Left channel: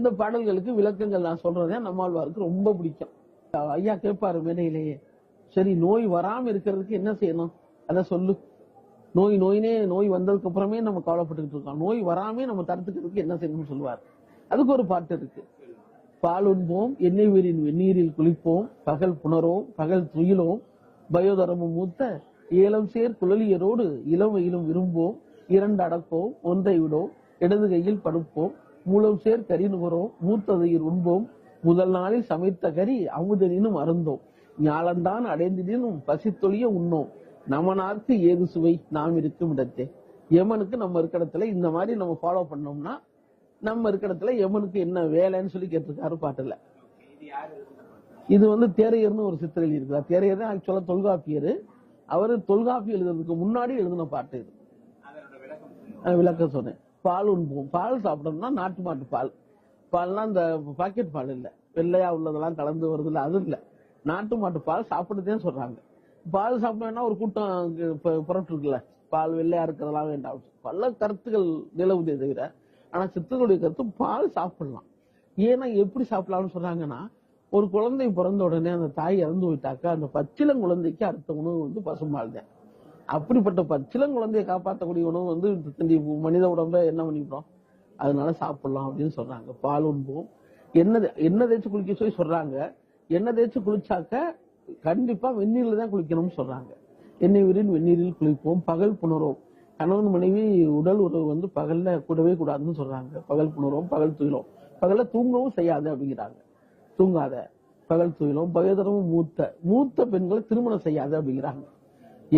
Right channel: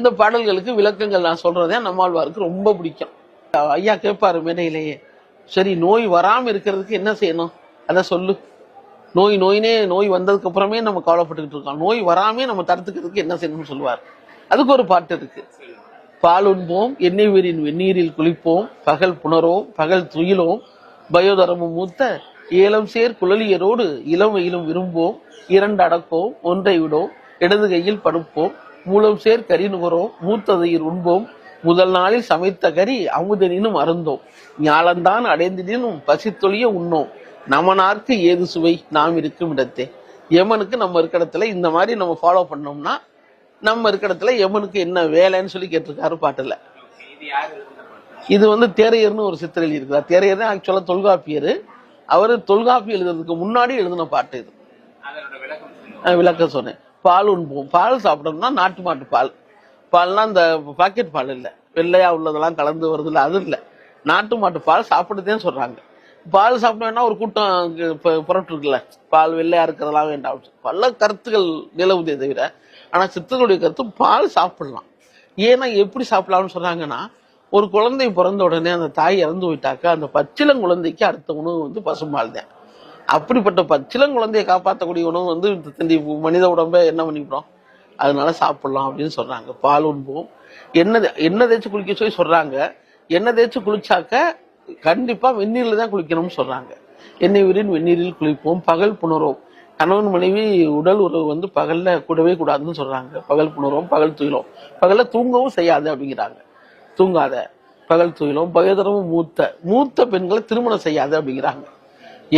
இந்த பாடல்களுக்கு விளக்கங்கள் நான் சொல்றதே நம்மாழ்வாருக்கு ரொம்ப பிடிக்கும். ஐயா கேட்பாரு மேடையிலேயே, சரி நோய் வராம இருக்கிறதுக்கு என்ன செய்யணும் அத சொல்லு. நோய் வந்ததுக்கு அப்புறமே நம்ம கவலைப்பட்டுக்கிட்டு இருக்கோம். நோய் வராமே நம்ம தடுத்துக்கிறதுக்கு என்ன செய்யணும்னு சொல்லுவார். அதுக்கு ஒரு பாட்டு இருக்கு. பால் உண்போம், எண்ணெய் வீரின் வெந்நீரில் குளிப்போம், பகல் புணரோம், பகல் துயிலோம், பயோதரமும் மூத்த ஏலம் சேர் குழலியரோடு இளமையிலும் விரும்போம், இரண்டு அடக்கோம், ஒன்றை விடோம், இடது கையில் படுப்போம், மூலம் சேர் கறி நுகரோம், மூத்ததையில் உண்போம், முதல் நாளில் சமைத்த கறி அமுதனினும் அருந்தோம், ஞாலந்தான் அடைந்தினும் பசித்தொழிய உண்ணோம், நமனார்க்கு ஏது சுவை நாம் இருக்கும் இடத்தே. யமனுக்கு நம்ம இருக்கிற இடத்துல இந்த மாதிரி நம்ம ஃபாலோ பண்ணோம்னா நம்ம இருக்கிற இடத்துல யமனுக்கு என்ன வேலைன்னு சொல்லி கேட்டிருக்காரு பாட்டுல. இது தேரையர்னு ஒரு சித்தர் எழுதியிருக்கிறார். தேரையர் தான் ஆக்சுவலா தொல்காப்பியர். அவரு தொல்காப்பி எழுதுறதுக்கு முன்னாடி எழுதின பாட்டு இது. விளக்கம் சொன்னேன். பால் உண்போம், பால் சாப்பிடணும்னா நாட்டு மாட்டு பால். பால்னா இந்த பாக்கெட் பால் இல்லை, வெள்ளையா உள்ளதெல்லாம் கலந்து வருது இல்லை, அது இல்லை. நாட்டு மாட்டு பால் சாப்பிடுதேன்னு சொல்றாங்க. பால் சாப்பிட வேணா ஒரு கூட்டம் புறட்டு இருக்குல்ல, பால் வெள்ளையா இருக்கிறதெல்லாம் வேண்டாம், பல கருத்துக்கள் நிலவுதே தவிர, ஆனா சித்தர்களுடைய கருத்து பால் சாப்பிடலாம். ஏன்னா எப்படி சாப்பிடலாம்னு சொல்றாங்கன்னா, ஒரு குழந்தை பிறந்த உடனே அந்த தாய் இறந்து போயிட்டாக்க அந்த பச்சிளங்குழந்தைக்கு அடுத்த உணவு பசும்பால் தான். அப்படிப்பட்ட பச்சிளங்குழந்தையை காப்பாற்றக்கூடிய உணவு மனித உடம்பை என்ன பண்ணிவிடும், அதனால சாப்பிடலாம் அப்படின்னு சொல்றாங்க. பால் உண்போம், எண்ணெய் தேய்ச்சி குளிக்க சொல்லி சொல்றாங்க. எண்ணெய் தேய்ச்சி குளிச்சாக்க கண்டிப்பா வெந்நீர்ல தான் குளிக்கணும்னு சொல்றாங்க. எண்ணெய் வீரின் வெந்நீரில் குளிப்போம், பகல் புணரோம், கணவன் மனைவி உடல் உறவு பகல்ல கூடவே கூடாதுன்னு சொல்றாங்க. பகல் புணரோம், பகல் துயிலும், பகல்ல தூங்கவும் செய்யாது அப்படிங்கிறாங்க. தூங்காத, பகல் துயிலும், பகதரமும் மூத்த பெண்களை திருமணம் செய்யாது அப்படிங்கிறாங்க.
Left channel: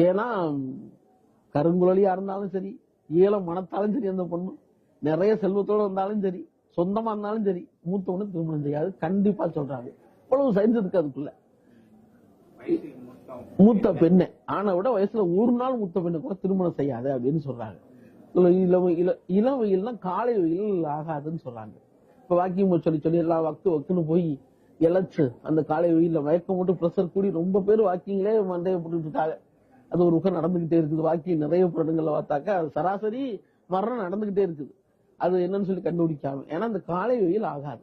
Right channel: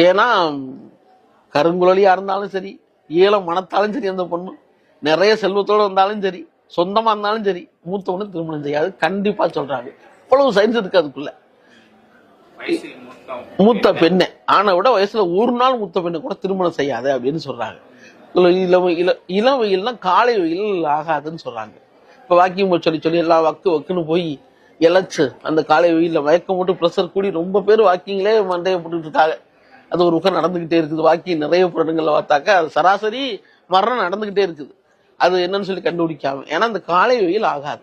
ஏன்னா கருங்குழலியா இருந்தாலும் சரி, ஏலம் மனத்தாலும் சரி, அந்த பொண்ணு நிறைய செல்வத்தோடு வந்தாலும் சரி, சொந்தமா இருந்தாலும் சரி, மூத்தவனு திருமணம் செய்யாது கண்டிப்பா சொல்றாங்க. இவ்வளவு சயின்ஸ் இருக்கு அதுக்குள்ள. மூத்த பெண்ணை ஆனா விட வயசுல ஒரு நாள் மூத்த பெண்ணை கூட திருமணம் செய்யாது அப்படின்னு சொல்றாங்க. இளம் வெயில்னா காலை வெயில் ஆகாதுன்னு சொல்றாங்க. இப்ப வாக்கிங் சொல்லி எல்லாம் வக்குன்னு போய் இழைச்சு அந்த காலை வெயில்ல மயக்கம் போட்டு ப்ரெஷர் கூடி ரொம்ப பேர் வாக்கிங்லேயே மண்டையை போட்டுட்டு இருக்காங்க. அது ஒரு பக்கம் நடந்துகிட்டே இருக்குது. வாக்கிங் நிறைய இடங்கள்ல பார்த்தாக்க அது சராசரி மரணம் நடந்துகிட்டே இருக்குது. அது என்னன்னு சொல்லி கண்டுபிடிக்காம, ஏன்னா அந்த காலை வெயில் ஆகாது.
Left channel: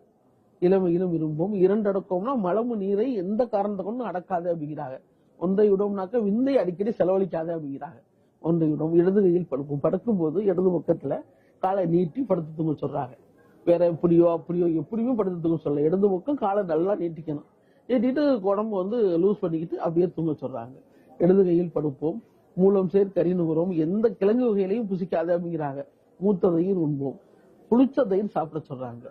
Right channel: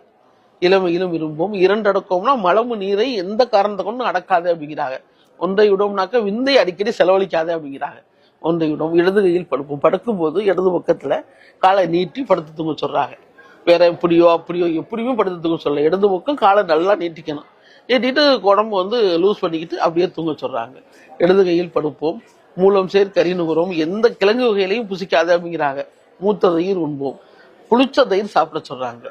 இளமையிலும் விரும்பும், இரண்டு அடக்கம்னா மலமு நீரை எந்த காரணத்தை கொண்டு அடக்காது அப்படிங்கிறாங்க. ஒன்றை விடோம்னாக்க விந்தை அடிக்கடி செலவழிக்காது அப்படிங்கிறாங்க. ஒன்றை விடும், இடது கையில் படுப்போம், படுக்கும் போது இடது பக்கத்துல காலை நீட்டி படுத்து தூங்க சொல்றாங்க. வேற எப்படியோ எப்படியுமே படுத்து தூங்க சொல்ல, இடது பக்கம் காலை நல்லா நீட்டிக்கணும். நீட்டிட்டு உடம்பு லூஸ் பண்ணிக்கிட்டு அப்படியே தூங்க சொல்றாங்க. இடது கையில் படுப்போம், மூலம் சேர் கறி நுகரோம், எந்த கிழங்கு வகையிலையும் புசிக்காது அப்படிங்கிறாங்க. மூத்த தயிர் உண்போம், புளிச்ச தயிர் சாப்பிட சொல்றாங்க.